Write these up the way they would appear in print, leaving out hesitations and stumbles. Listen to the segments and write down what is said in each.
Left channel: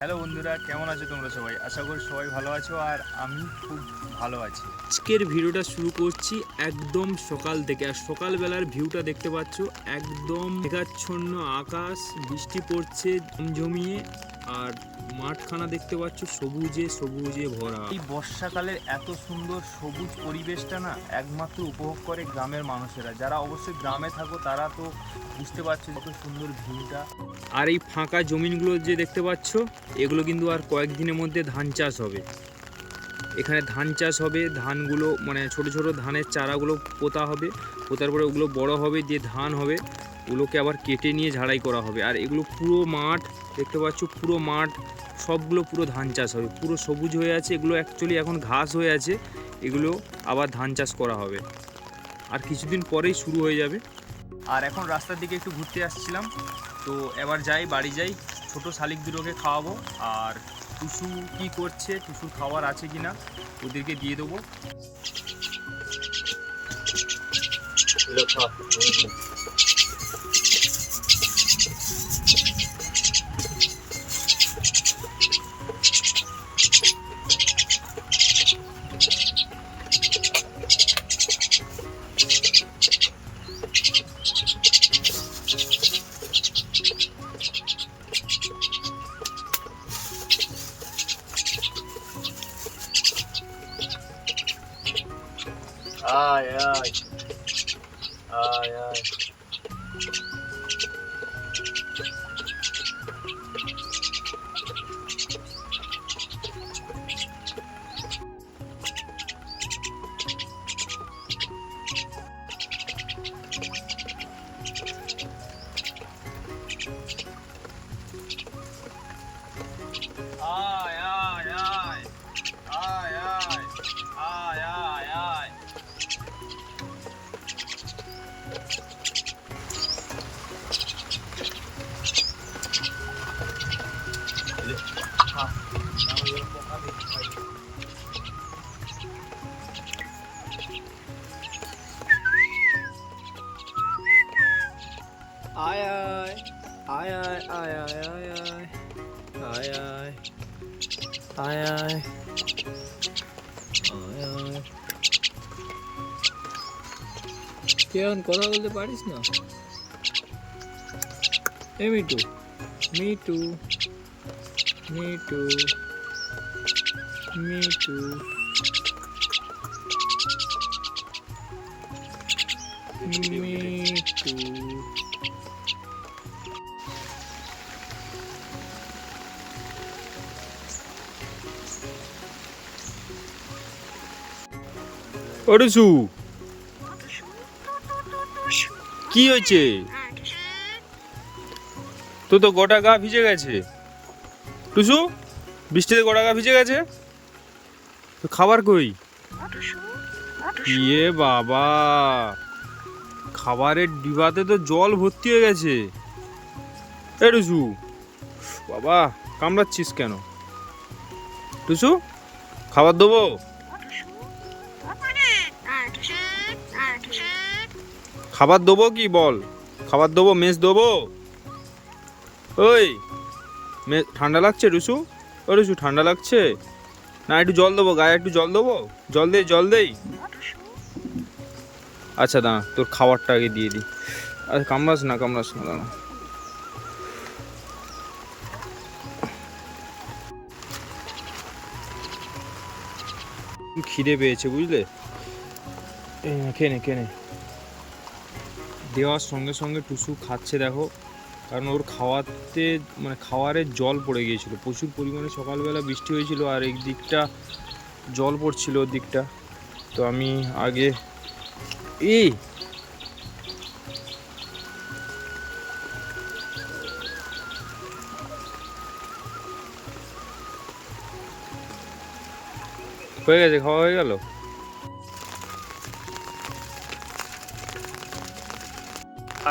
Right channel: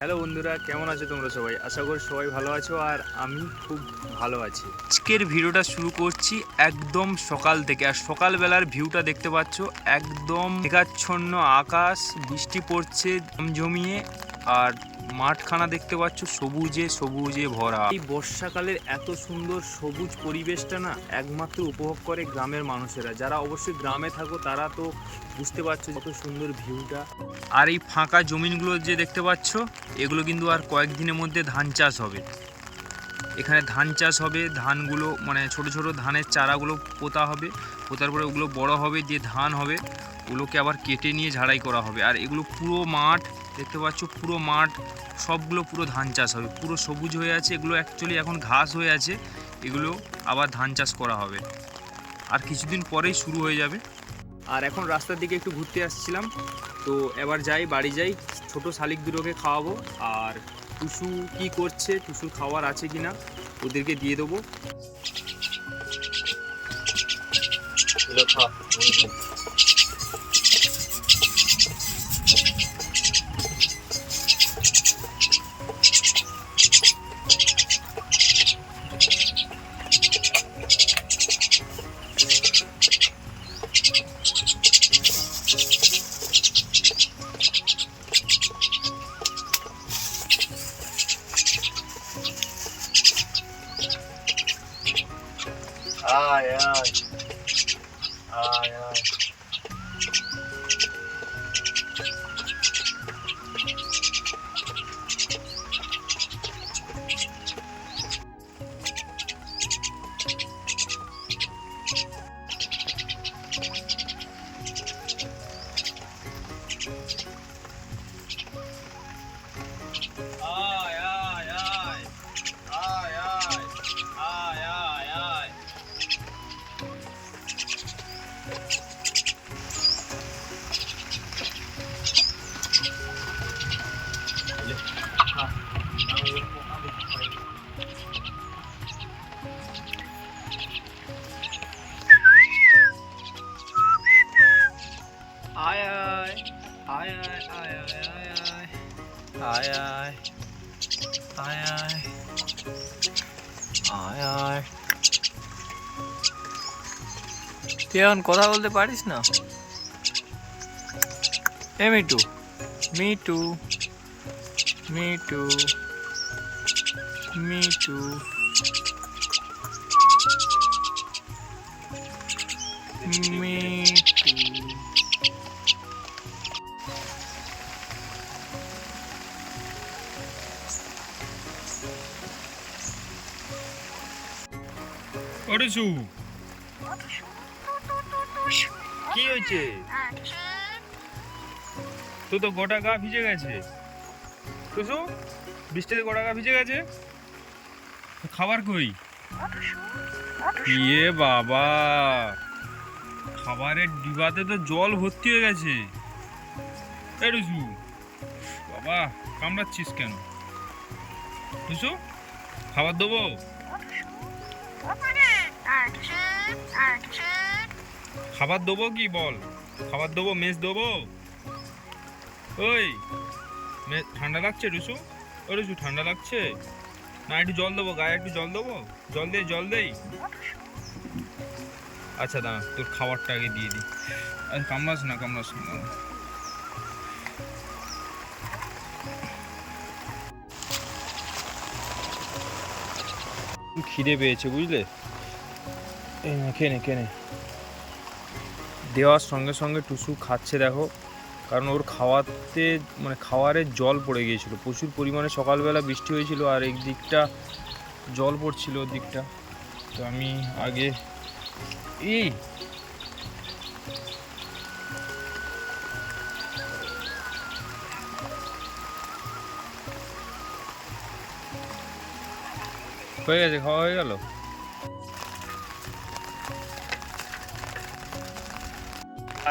Hello বন্ধুরা, কেমন আছো তোমরা সবাই? আশা করি সবাই ভালো আছো আর আমি খুব ভালো আছি। আজকের ভিডিওটা শুরু করছি একদম সকাল থেকে। আর সকালবেলার ভিউটা দেখতে পাচ্ছ, একদম মেঘাচ্ছন্ন আকাশ, বৃষ্টি পড়ছে জমিয়ে, আর মাঠখানা দেখতে পাচ্ছ সবুজে সবুজে ভরা। এই বর্ষাকালের এত সুন্দর সবুজ পরিবেশটা না একমাত্র উপভোগ করে গ্রামের মানুষেরা। যারা অবশ্যই গ্রামে থাকো তারা তো বুঝতে পারছো কত সুন্দর ভিউটা। আর এই ফাঁকা জমিনগুলো যে দেখতে পাচ্ছ, এগুলো কিন্তু আর কয়েকদিনের মধ্যে ধান চাষ হবে। এখানে ধান চাষ হবে, ধানগুলো মানে ছোট ছোট ধানের চারাগুলো পোতা হবে, পোতার পরে ওগুলো বড় হবে, যে ধান হবে ওগুলোকে আবার কেটে নিয়ে ঝাড়াই করা হবে। আর এগুলো পুরো মাঠ দেখতে পাচ্ছ, পুরো মাঠ সবগুলো পুরো ধান চাষ হবে, পুরো সবুজ হয়ে আছে। এগুলো অ্যাকচুয়ালি এখন ঘাস হয়ে আছে, এগুলো আবার ধান চাষ করা হবে, আর কিছুদিন পরেই শুরু হয়ে যাবে। আর এখন রাস্তার দিকে একটু ঘুরতে আসছিলাম, তো এবার যাই, বাড়ি যাই, ছোট শালিক দুটোকে খাওয়াবো। আর টুসু কি করছে, টুসুর খাবার আছে কিনা ওদেরকে দিয়ে দেবো। Ai, ai, ai, ai. Ai, ai, ai, ai, ai, ai, ai, ai. Ai, ai, ai, ai, ai, ai, ai, ai, ai, ai, ai, ai, ai. তুই এখন কথা বলতে পারিস না? এ মিটু, মিটু, মিটু, মিটু, মিটু। ওরসু, কি হয়েছে? তো তো গোটা গা ভিজে গেছে। টুসু, বৃষ্টিতে গোটা গা ভিজে গেছে, তো খাবার কই? ইয়ে বাবা, খাবারের ডিবাতে তো জল ভর্তি হয়ে গেছে। এ টুসু, বাবা কামড়াচ্ছিস কেন? টুসু, খাবার দেবো? খাবার দেবো কি বল? খাবার দেবো, মেস দেবো? ওই ঠান্ডা লাগছে টুসু? ও টুসু, ঠান্ডা লাগছে না? একটু জল দেবো, গায়ে একটু জল দেবো? জল দেই, জল দেই। আচ্ছা দাঁড়া, তোর খাবারটা আগে দিয়ে দিই। আচ্ছা কামড়াস না, কামড়াস না, দাঁড়া। খিদে পেয়েছে বুঝলে, খেয়ে নে, খেয়ে নে। দেওয়ার সঙ্গে সঙ্গে টুসু খাচ্ছে দেখো, কারণ ওর খাওয়াতে মানে খাওয়ারের জল পড়ে গিয়েছিল প্রচুর পরিমাণে। সকালবেলা বৃষ্টি হয়েছিল আর এই দিকটা জল পড়ছিল, ওর দিকটা। তো আমি আগে এই হয়ে গেছে, খাওয়া হয়ে গেল।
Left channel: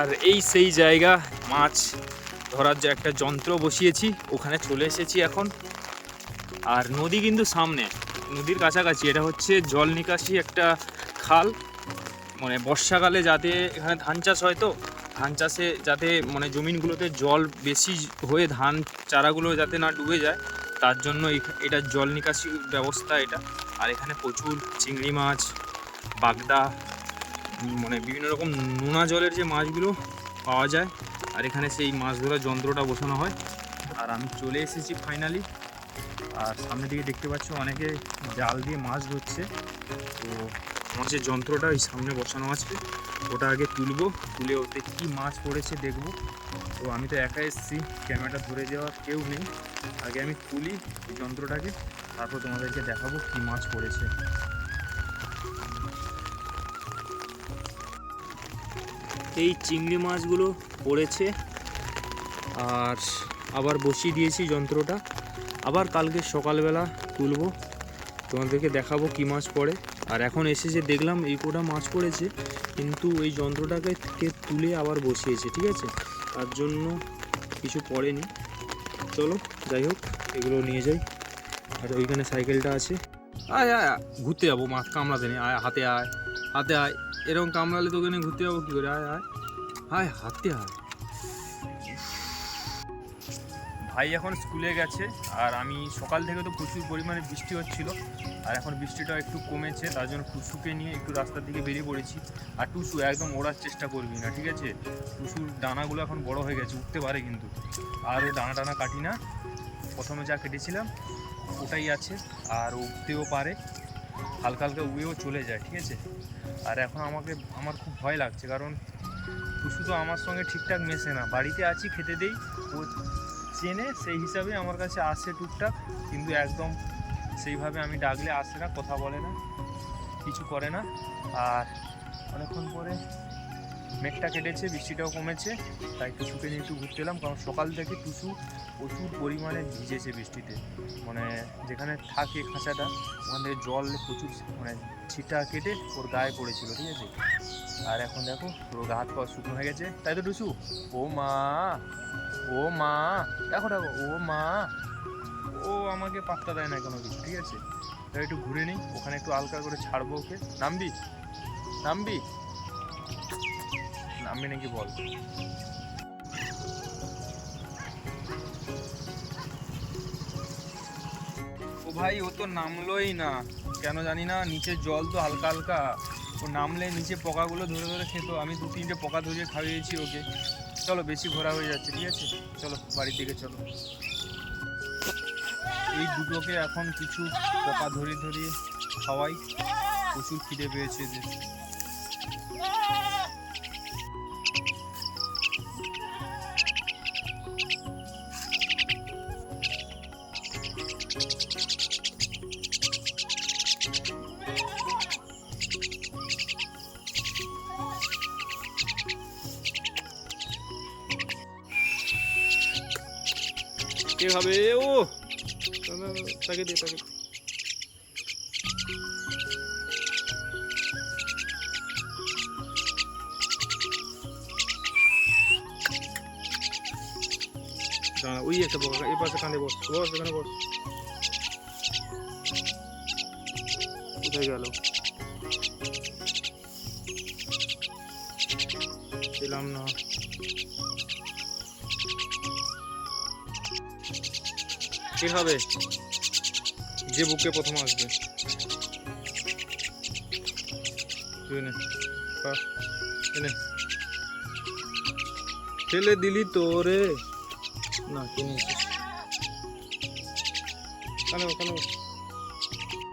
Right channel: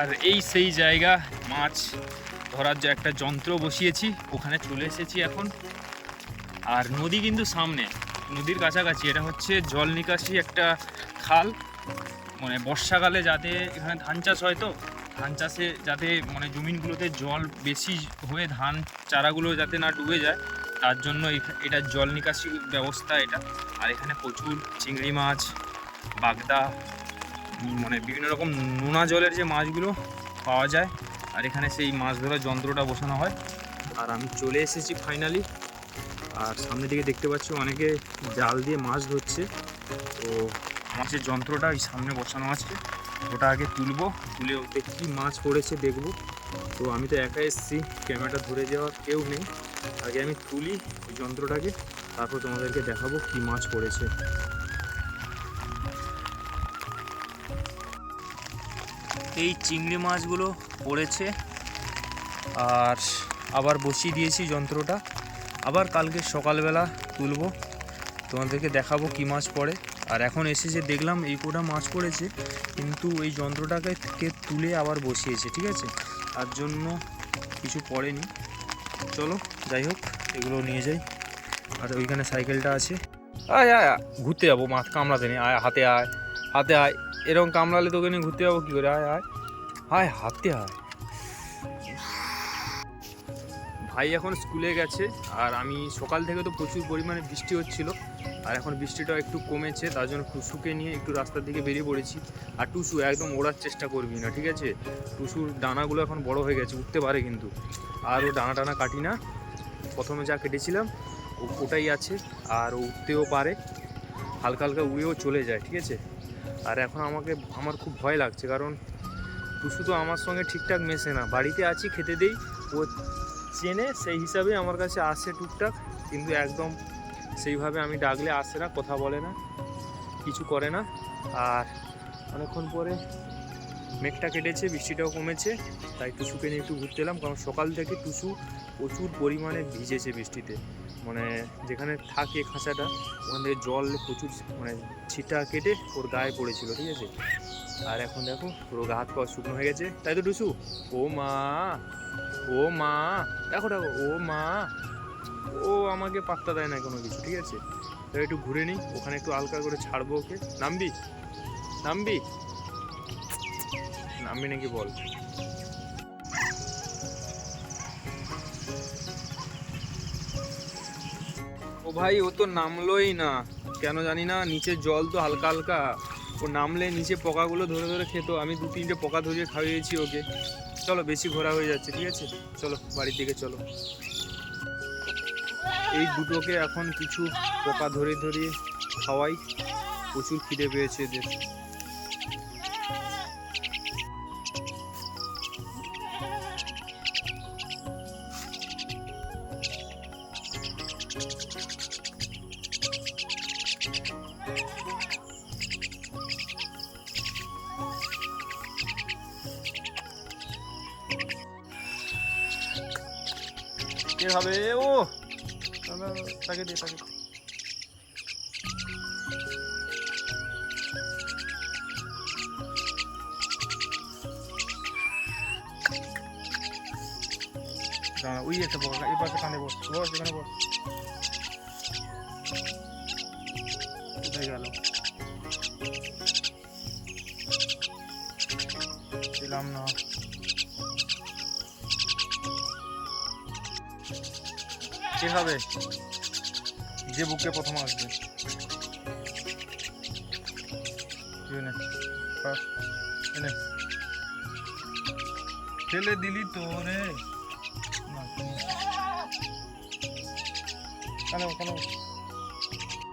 আর এই সেই জায়গা, মাছ ধরার যে একটা যন্ত্র বসিয়েছি, ওখানে চলে এসেছি এখন। আর নদী কিন্তু সামনে, নদীর কাছাকাছি। এটা হচ্ছে জল নিকাশি একটা খাল, মানে বর্ষাকালে যাতে এখানে ধান চাষ হয়, তো ধান চাষে যাতে মানে জমিনগুলোতে জল বেশি হয়ে ধান চারাগুলো যাতে না ডুবে যায়, তার জন্য এটা জল নিকাশি ব্যবস্থা এটা। আর এখানে প্রচুর চিংড়ি মাছ, বাগদা, মানে বিভিন্ন রকম নোনা জলের যে মাছগুলো পাওয়া যায়। আর এখানে সেই মাছ ধরার যন্ত্রটা বসানো হয়। আর আমি চলে এসেছি ফাইনালি। আর সামনের দিকে দেখতে পাচ্ছ অনেকে জাল দিয়ে মাছ ধরছে। তো মাছের যন্ত্রটা ওই সামনে বসানো আছে, ওটা আগে তুলবো, তুলে ওতে কী মাছ পড়েছে দেখবো। তো আমি তো একা এসেছি, ক্যামেরাটা ধরে যাওয়ার কেউ নেই। আগে আমি তুলি ওই যন্ত্রটাকে, তারপর তোমাদেরকে দেখাবো কী মাছ পড়েছে। এই চিংড়ি মাছগুলো পড়েছে, আর আবার বসিয়ে দিয়েছি যন্ত্রটা। আবার কালকে সকালবেলা তুলবো, তোমাদেরকে দেখাবো কী মাছ পড়ে। আর এখন এসে যে দেখলাম এই কোটা মাছ পড়েছে, কিন্তু এই যন্ত্রটাকে তুলে আবার বসিয়েছে, ঠিক আছে, তার জন্য কিছু পড়েনি। চলো যাই হোক, এগুলো নিয়ে যাই। আর ওইখানে সাইকেলটা আছে। আয় আয় ঘুরতে যাবো, মাছ কামড়াতে নেই, আয় হাতে আয়, হাতে আয়। এরকম কামড়ালে তোকে নিয়ে ঘুরতে যাবো কী করে? আয় আয় আয়, হাতে আয়। ভাই এখন স্কুলে গেছে, আর আমি সকাল থেকে তো প্রচুর পরিমাণে বৃষ্টি হচ্ছিল, আর এখন বৃষ্টিটা একটু কমেছে, তার জন্য টুসুকে নিয়ে একটু রাস্তার দিকে বেরিয়ে পড়েছি। আর টুসু একদম ওড়ার চেষ্টা করবি না, ঠিক আছে? টুসুর ডানাগুলো এখন বড় হয়ে গেছে, উঠতে পারে কিন্তু। আর ও ডানা টানা কাটি না, প্রথমে যা কেটেছিলাম ওটাই আছে। আর ও উঠতেও পারে, হালকা হালকা উড়েও চলে যায়, ঠিক আছে? আর এখন আমার খুব ভয় লাগছে, কারণ টুসু তো আমার সঙ্গে ঠিকঠাক মেশে না। বাড়িতে আছি, খেতে দেই, ও চেনে, সেই হিসাবে আমার কাছে আসে টুকটাক, কিন্তু একদম সেইভাবে আমি ডাকলে আসে না, কথা বলে না, কিছু করে না। আর অনেকক্ষণ পরে মেঘটা কেটেছে, বৃষ্টিটাও কমেছে, তাই টুসুকে নিয়ে একটু ঘুরতে এলাম। কারণ সকাল থেকে টুসু প্রচুর পরিমাণে ভিজেছে বৃষ্টিতে, মানে যেখানে থাকে খাঁচাটা ওখান থেকে জল প্রচুর, মানে ছিটা কেটে ওর গায়ে পড়েছিল, ঠিক আছে? আর এখন দেখো পুরো গা হাত পা শুকনো হয়ে গেছে, তাই তো টুসু? ও মা, ও মা, দেখো দেখো, ও মা, ও আমাকে পাত্তা দেয় না কোনো কিছু, ঠিক আছে? তাই একটু ঘুরে নিই, ওখানে একটু হালকা করে ছাড়বো ওকে। নামবি নামবি নামবি নাকি বল? ও ভাই, ও তো নামলোই না, কেন জানি না। নিচে জল তো হালকা হালকা, ও নামলে নিচে পোকাগুলো ধরে ধরে খেত। আমি 2-3টে পোকা ধরিয়ে খাইয়েছি ওকে। চলো, বেশি ঘোরা হয়ে যাচ্ছে, ঠিক আছে? চলো বাড়ির দিকে চলো। এই দুটোকে এখন কিছু পোকা ধরিয়ে ধরিয়ে খাওয়াই, প্রচুর খিদে পেয়েছে এদের। কে খাবে? ও তাকে দে, তাকে। ওই একটা পোকা, এই পাশে কাঁধে বস, বস এখানে বস। কোথায় গেল? পেলাম না। কে খাবে? যে বুকে প্রথম আসবে। ফেলে দিলি তো রে। না,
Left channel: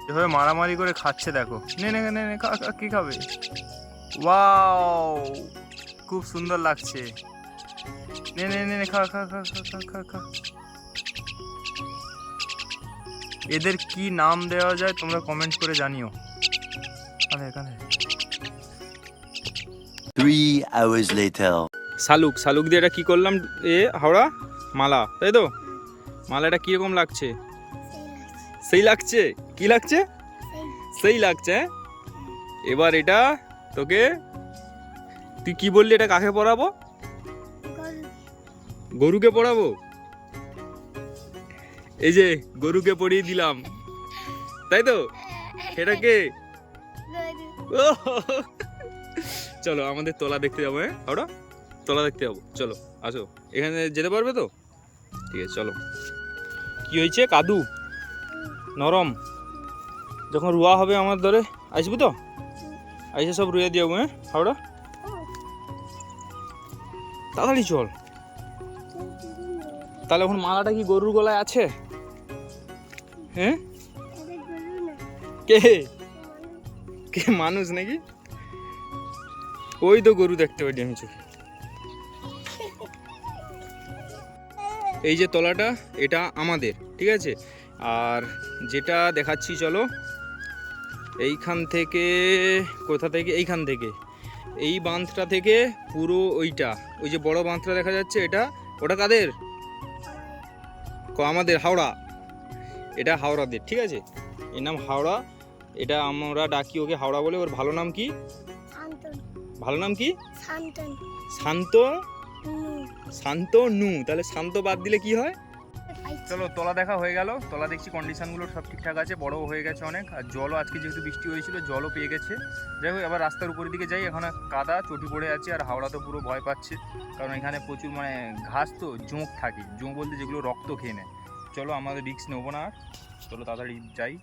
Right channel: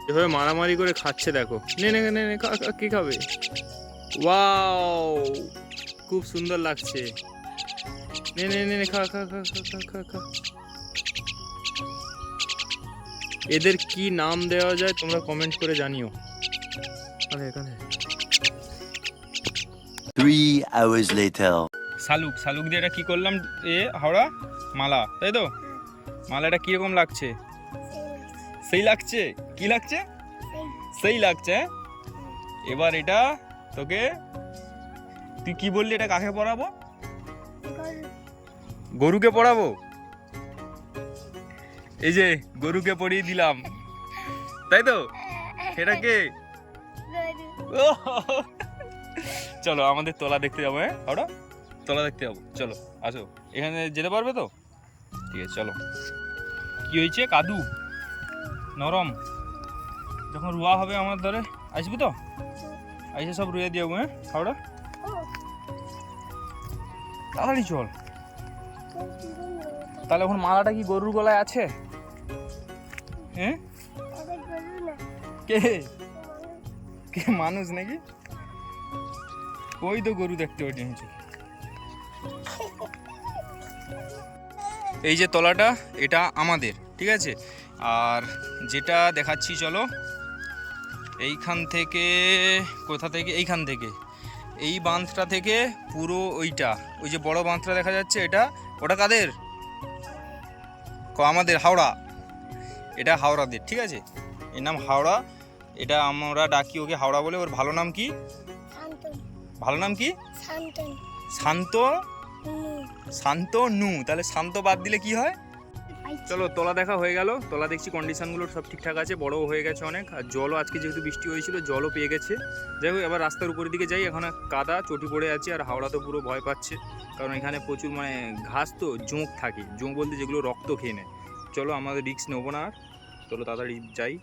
এভাবে মারামারি করে খাচ্ছে, দেখো। নে নে নে নে, কি খাবে? ওয়াও, খুব সুন্দর লাগছে। নে নে নে, খা খা খা খা খা খা। এদের কি নাম দেওয়া যায় তোমরা কমেন্ট করে জানিও। এখানে 3 hours later. শালুক দিয়ে এটা কি করলাম? হাওড়া মালা, তাই তো? মালাটা কিরকম লাগছে? সেই লাগছে? কি লাগছে? সেই লাগছে। এবার এটা তোকে, তুই কি বললি, এটা কাকে পরাবো? গরুকে পরাবো। এই যে গরুকে পরিয়ে দিলাম, তাই তো? এটাকে চলো আমাদের তোলা দেখতে যাবো। হ্যাঁ হাওড়া, তলা দেখতে যাবো, চলো আসো। এখানে যেতে পারবে তো? ঠিক আছে চলো। কি হয়েছে? কাদু নরম, যখন রুয়া হবে আমার ধরে আসবি তো, এসে সব রুয়ে দিয়ে যাবো। হ্যাঁ হাওড়া, তাড়াতাড়ি চল। তাহলে এখন মালাটা কি গরুর গলায় আছে? হ্যাঁ, কে কে মানুষ নাকি? ওই তো গরু দেখতে পাচ্ছি আমি চোখে। এই যে তলাটা, এটা আমাদের, ঠিক আছে। আর যেটা দেখাচ্ছি চলো, এইখান থেকে, কোথা থেকে, এইখান থেকে, এই বাঁধটা থেকে পুরো ওইটা, ওই যে বড় বাঁধটা দেখা যাচ্ছে, এটা ওটা কাদের? আমাদের, হাওড়া। এটা হাওড়াদের, ঠিক আছে। এর নাম হাওড়া, এটা আমরা ডাকি ওকে হাওড়া বলে। ওর ভালো নাম কি? ভালো নাম কি? শান্ত। শান্তনু। তাহলে শান্ত বাদ দিলে কি হয়? চলো, তলা দেখা হয়ে গেল। তলা দেখছি কন্ডিশনগুলো সব ঠিকঠাক আছে, বড়ও হয়ে গেছে অনেক। আর জলও আজকে যেহেতু বৃষ্টি হয়েছিল, জলও পেয়ে গেছে। যাই হোক, এবার রাস্তার উপরের দিকে যাই। এখন কাদা চটি পড়ে আছে, আর হাওড়া তো পুরো ভয় পাচ্ছে, কারণ এখানে প্রচুর মানে ঘাস, তো জোঁক থাকে। জোঁক বলতে যেগুলো রক্ত খেয়ে নেয়। চলো, আমাদের রিস্ক নেবো না আর, চলো তাড়াতাড়ি যাই।